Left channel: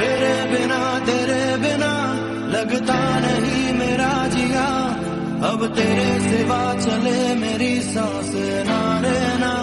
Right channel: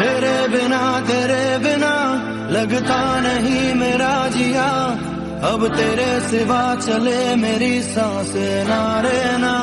तेरे बिना लगता नहीं मेरा जिया, अब तेरे सिवा चले मेरी सांस ना रे ना।